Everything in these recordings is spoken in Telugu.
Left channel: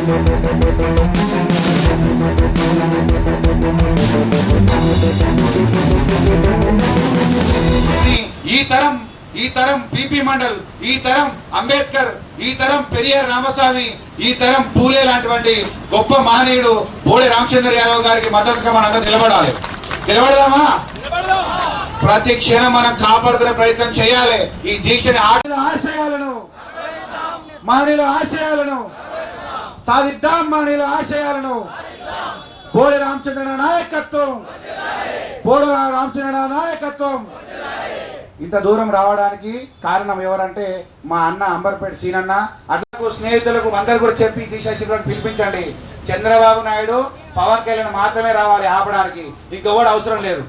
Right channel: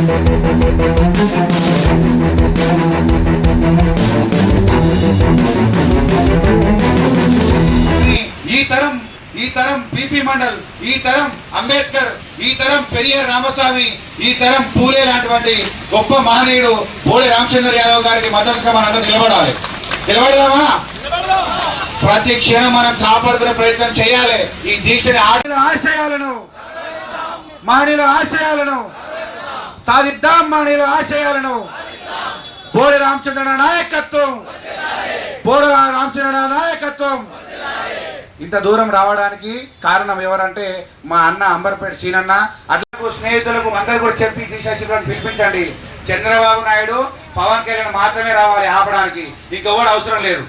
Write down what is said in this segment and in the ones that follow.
ఈ తరం పిపి మండల్, ఈ తరం అంబేద్కర్, ఈ తరం పెరియార్ రామస్వామి, ఈ తరం పూలే లాంటి గొప్ప మహనీయుడు బోడే రామచంద్ర యాదవ్ గారికి మద్దతుగా మనందరం నిలబడాలి. నిలబడదామా? ప్రతి క్షణం మనం కాపాడుకునే ప్రయత్నం చేయాలి. ఈ దీక్షని ఆశయాలను మహనీయుల ఆశయాలను సాధిద్దాం. మహనీయుల ఆశయాలను బోడే రామచంద్ర నాయకత్వం, బోడే రామచంద్ర నాయకత్వం. ఇంత దూరం రావడానికి కారణం ఎవరంటే మా అన్న అంబర్పేట సీనన్న. అట్లకు స్నేహితులకు అందరు కూడా చెప్పి దీక్షా శిబిరాన్ని పిలిపించండి. చంద్రబాబు నాయుడు, పవన్ కళ్యాణ్ మాత్రమే రావాలి ఆపడానికి, ఇంకెవడు అవసరం లేదు.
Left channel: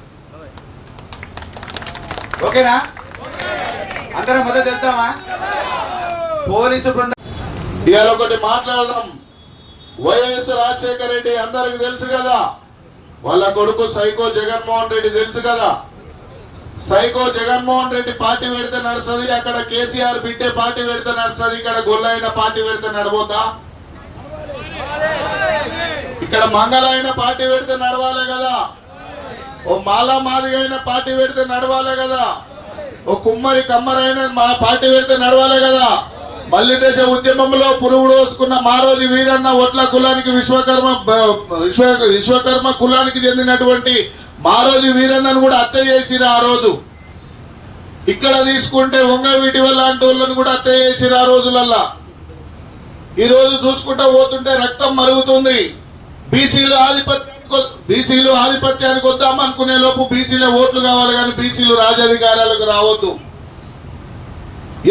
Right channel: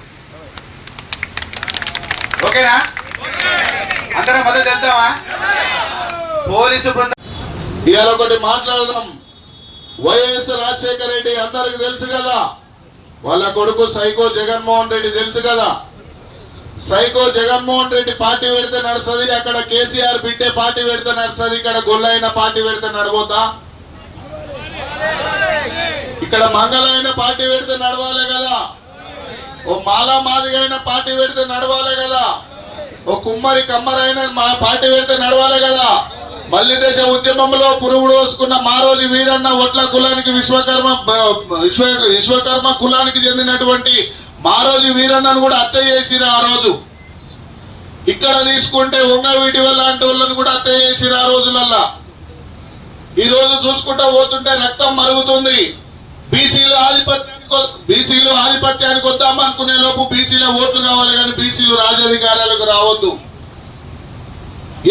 ఓకేనా? అందరం మద్దతు వెళ్తామా? పోలీసు బృందం ఇవాళ ఒకటి మాట్లాడదాం. వైఎస్ రాజశేఖర రెడ్డి అందరికి తెలుసు కదా, వాళ్ళ కొడుకు సైకో జగన్మోహన్ రెడ్డి తెలుసు కదా. సైకో జగన్మోహన్ రెడ్డి పార్టీ పెడితే నడుస్తుంది, అక్కడ కేసీఆర్ బిడ్డే పార్టీ పెడితే నడుస్తుంది, ఇక్కడ గొల్లైన పార్టీ పెడితే నడబోతా, ఇక్కడ మంగళైన పార్టీ పెడితే నడవాలి కదా, ఓ మాలా మాదిగైన పార్టీ పెడితే నడవాలి కదా, ఓ కుమ్మరి కమ్మరైన మా పార్టీ పెడితే నడవాలి కదా. మల్లి దేశ ఉద్యమంలో పురుగుడు వసుకున్న మా రోజు వీరన్న ఒట్ల కులానికి విశ్వకర్మ కులానికి చెందినటువంటి మా రోజు వీరన్నను కూడా హత్య చేసిరు ఆ రోజు. ఇక్కడ తీసుకుంటే వంగవీటి లాంటి వాళ్ళని కూడా హత్య చేసిరు ఆ రోజులల్లా. ఈ రోజు చూసుకుంటూ పోతుంటే రక్తం మరుగుతుంది. బీసీలు ఆధిపత్యానికి వద్దాం అనుకునే లోపు బీసీల ఓట్లు కావాలి కానీ బీసీలు రాజాధికారాలకు రావద్దు.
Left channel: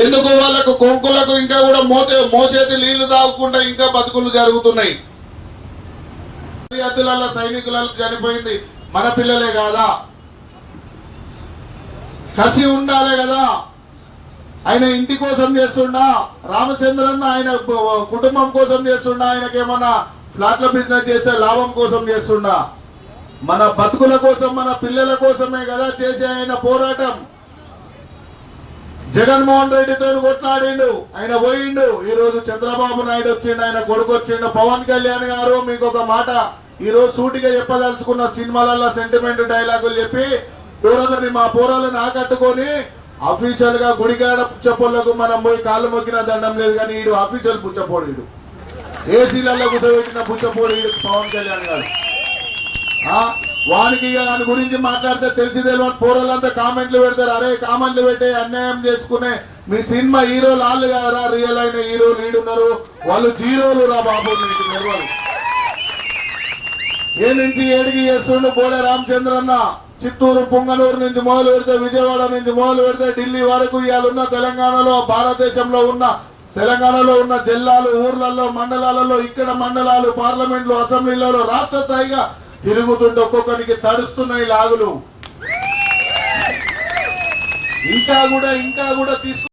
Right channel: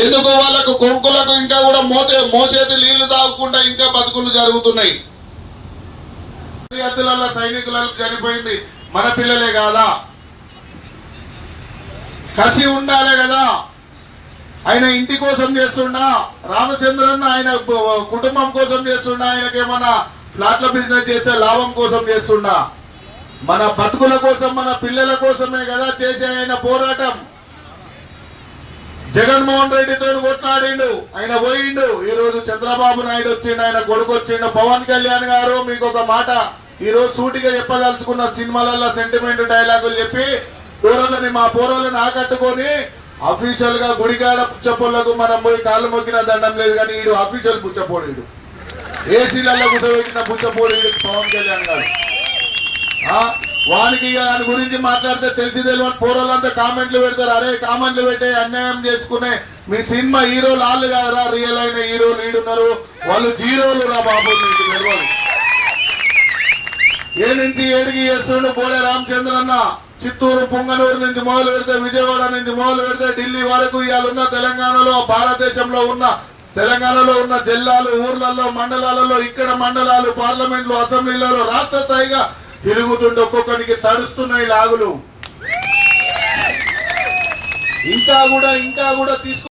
ఎందుకు? వాళ్ళకు కొంకులకు ఇంకా కూడా మోసేది నీళ్లు తాగకుండా ఇంకా బతుకులు జరుగుతున్నాయి. సైనికులకు చనిపోయింది మన పిల్లలే కాదా? కసి ఉండాలి కదా. ఆయన ఇంటి కోసం చేస్తుండా, రామచంద్రన్న ఆయన కుటుంబం కోసం చేస్తుండా, ఆయనకేమన్నా ఫ్లాట్ల బిజినెస్ చేసే లాభం కోసం చేస్తుండా? మన బతుకుల కోసం, మన పిల్లల కోసమే కదా చేసే ఆయన పోరాటం. జగన్మోహన్ రెడ్డితో కొట్లాడిండు, ఆయన పోయిండు. ఈ రోజు చంద్రబాబు నాయుడు వచ్చిండు, ఆయన కొడుకు వచ్చిండు. పవన్ కళ్యాణ్ గారు మీకు ఒక మాట ఈ రోజు సూటిగా చెప్పదలుచుకున్న, సినిమాలలో సెంటిమెంట్ డైలాగులు చెప్పి దూరమని మా పోరాలను ఆకట్టుకొని అఫీషియల్ గా గుడికాడ పుచ్చపోళ్లకు మనం పోయి కాళ్ళు మొక్కిన దండం లేదు కానీ ఈడు అఫీషియల్ పుచ్చపోడు, ఏసీలలో కూర్చోబెట్టిన పుచ్చపోడు పవన్ కళ్యాణ్ గారు. వానికి దాని గురించి మాట్లాడితే తెలిసి తెలియని పోరాలంతా కామెంట్లు పెడతారు. అరే కామెంట్లు పెట్టే అన్యాయం చేసుకునే మీ సినిమా హీరోలు వాళ్ళు కాదురా, రియల్ అయిన హీరోలు ఈడున్నారు, వాళ్ళు జీరోలు రా బాబు. మీకు తెలియదు. ఏ నుంచి ఏడికి చేస్తుండు బోడే రామచంద్రన్న. చిత్తూరు పుంగనూరు నుంచి మొదలు పెడితే, విజయవాడ నుంచి మొదలు పెడితే ఢిల్లీ వరకు ఇవాళ ఉన్న తెలంగాణలో, భారతదేశంలో ఉన్న తెలంగాణలో ఉన్న జిల్లాలు, ఊర్లలో, మండలాలలో, ఇక్కడ మండలాలు, పార్లమెంట్లు, అసెంబ్లీలలో రాష్ట్ర స్థాయిగా తిరుగుతుంటే ఒక్కొక్కరికి తడుస్తున్నాయి లాగులు. ఇంకా కూడా తీసుకు